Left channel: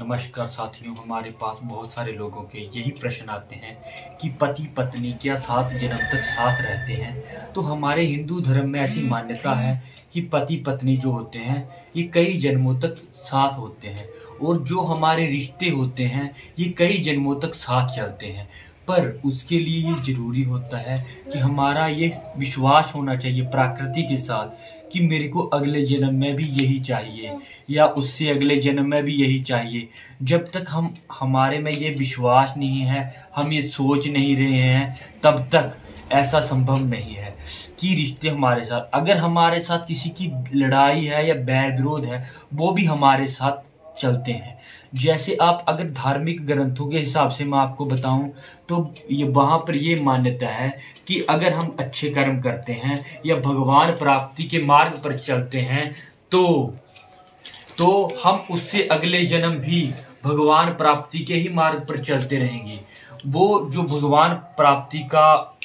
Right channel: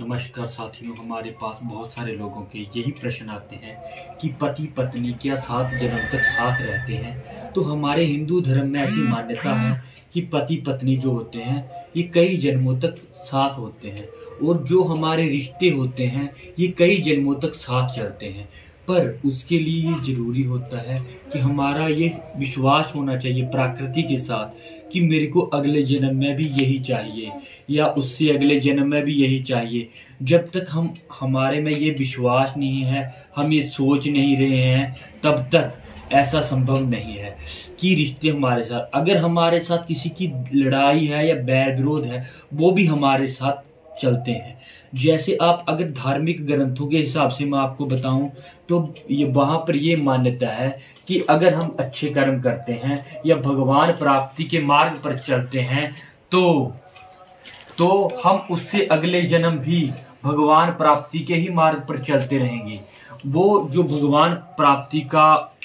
नमस्कार साथियों, हमारे पास बहुत सारे लोगों के यही प्रश्न आते हैं कि पति पत्नी क्या 7 जन्म तक साथ रहते हैं। तो हमारे हिंदू धर्म में ऐसी मान्यता है कि पति पत्नी जो होते हैं ये कई जन्मों तक साथ होते हैं और जो हमारे रिश्ते होते हैं ये कई जन्मों तक साथ चलते हैं। पर उसके लिए ये जरूरी होता है कि हमारा ये विश्वास होना चाहिए प्रकृति के साथ कि मेरे को अगले जन्म में भी यही चाहिए या उससे अगले जन्म में भी यही चाहिए। जब तक हमारे में ये विश्वास नहीं है, हम ये सोच नहीं रहे हैं, तब तक ऐसा संभव नहीं है कि रिश्ते हमारे साथ, अगर हमारे साथ किसी की लड़ाई है या बैर विरोध है, वो भी हमारे साथ चलते हैं। जैसे आप अगर धार्मिक ग्रंथों के हिसाब से मैं आपको बताऊं तो ये वहां पर ये मान्यता है कि अगर हम अच्छे कर्म करते हैं या भगवान प्राप्ति के मार्ग पर चलते हैं तो हम उससे अगले जन्म भी भगवान प्राप्ति के ही मार्ग पर चलते रहेंगे। वो जो भगवान प्राप्ति का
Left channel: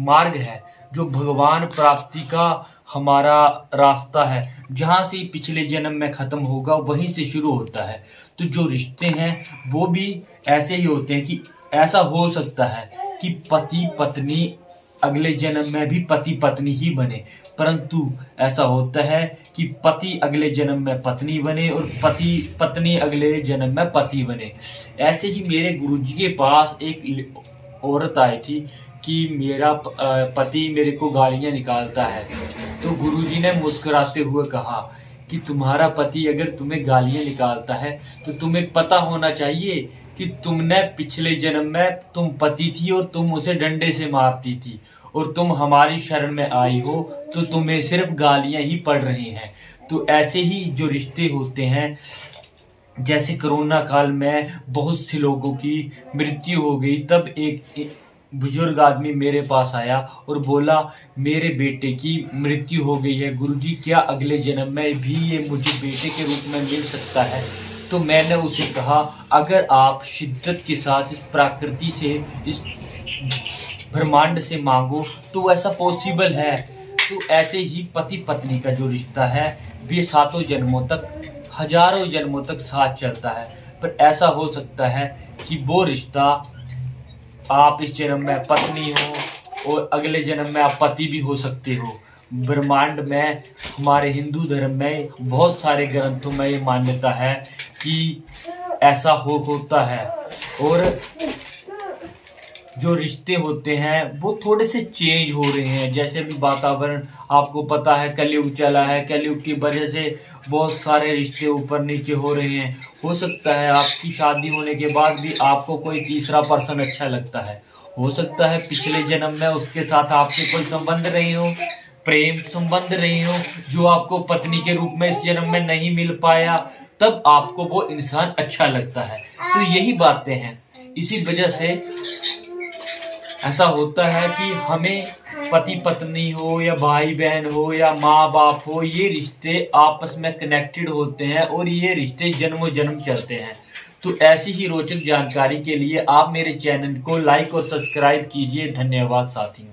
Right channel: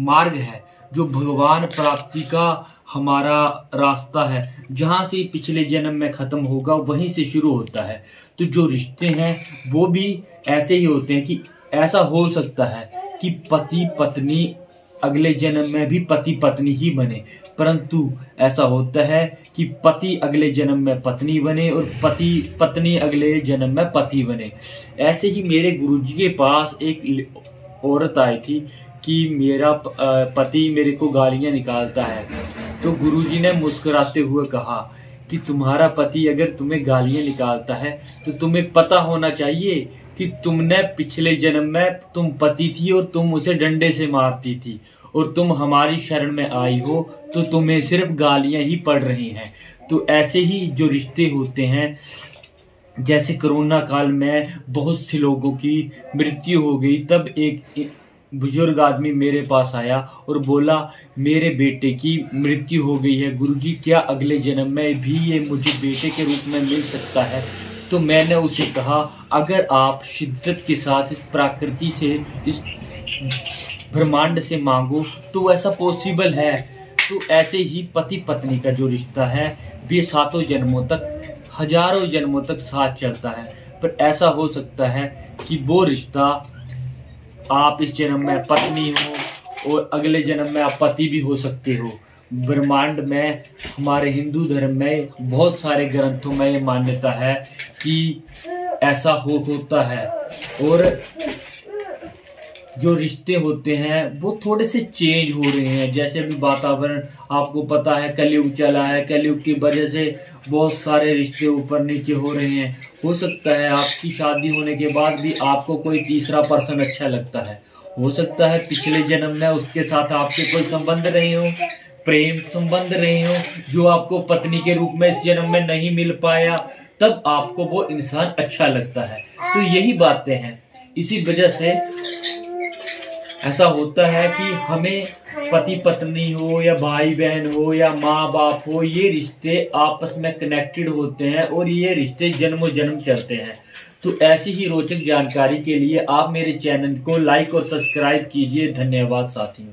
मार्ग है, जो भगवान प्राप्ति का हमारा रास्ता है, जहां से पिछले जन्म में खत्म होगा वहीं से शुरू होता है। तो जो रिश्ते हैं वो भी ऐसे ही होते हैं कि ऐसा हो सकता है कि पति पत्नी अगले जन्म में भी पति पत्नी ही बने, परंतु ऐसा होता है कि पति अगले जन्म में पत्नी बने और पति पत्नी अगले जन्म में पति बने। ऐसे ही मेरे गुरुजी के पास एक औरत आई थी कि मेरा पति मेरे को गालियां निकालता है। तो गुरुजी ने मुस्कुराते हुए कहा कि तुम्हारा पति अगर तुम्हें गालियां निकालता है तो तुम्हें पता होना चाहिए कि तुमने पिछले जन्म में तुम पति थी और तुम उसे डंडे से मारती थी और तुम हमारी शरण में आई हो तो तुम्हें सिर्फ गालियां ही पड़ रही हैं। तो ऐसे ही जो रिश्ते होते हैं, जैसे कोरोना काल में बहुत से लोगों की मृत्यु हो गई, तब एक बुजुर्ग आदमी मेरे पास आया और बोला मेरे बेटे की मृत्यु हो गई है गुरुजी, क्या अगले जन्म में भी ये मुझे बेटे के रूप में मिल सकता है। तो मैंने उसे कहा अगर आप शिद्दत के साथ इस प्रकृति से, इस ब्रह्मांड से मांगो तो ऐसा पॉसिबल है। तो ऐसे ही पति पत्नी का जो रिश्ता है वे 7 जन्मों तक, हजारों जन्मों तक साथ चलता है। पर ऐसा हो सकता है कि वो रिश्ता आप इस जन्म में पत्नी हो और अगले जन्म में आप पति भी हो सकते हो। ब्रह्मांड में, हमारे हिंदू धर्म में बहुत सारे ग्रंथों में ये मान्यता है कि ऐसा होता है। और जो रिश्ते होते हैं वो थोड़े से चेंज हो रहे हैं। जैसे भी वातावरण आपको पता है, कलयुग चला है, कलयुग की वजह से बहुत सारे रिश्ते ऊपर नीचे हो रहे हैं। हो सकता है आपकी शादी होने के बाद भी आपको कोई तीसरा पर्सन अच्छा लगता है। हो सकता है पिछले जन्म में उसके साथ आपके कोई संबंध रहे हो, प्रेम संबंध रहे हो, जो आपको पत्नी के रूप में इस जन्म में नहीं मिल पाया, तब आपको वो इंसान अच्छा लगता है। तो यही बातें हैं। इसी वजह से ऐसा होता है कि हमें पति पत्नी हो या भाई बहन हो या माँ बाप हो, ये रिश्ते आपस में कनेक्टेड होते हैं और ये रिश्ते जन्मों जन्म चलते हैं। तो ऐसी ही रोचक जानकारी के लिए आप मेरे चैनल को लाइक और सब्सक्राइब कीजिए। धन्यवाद साथियों।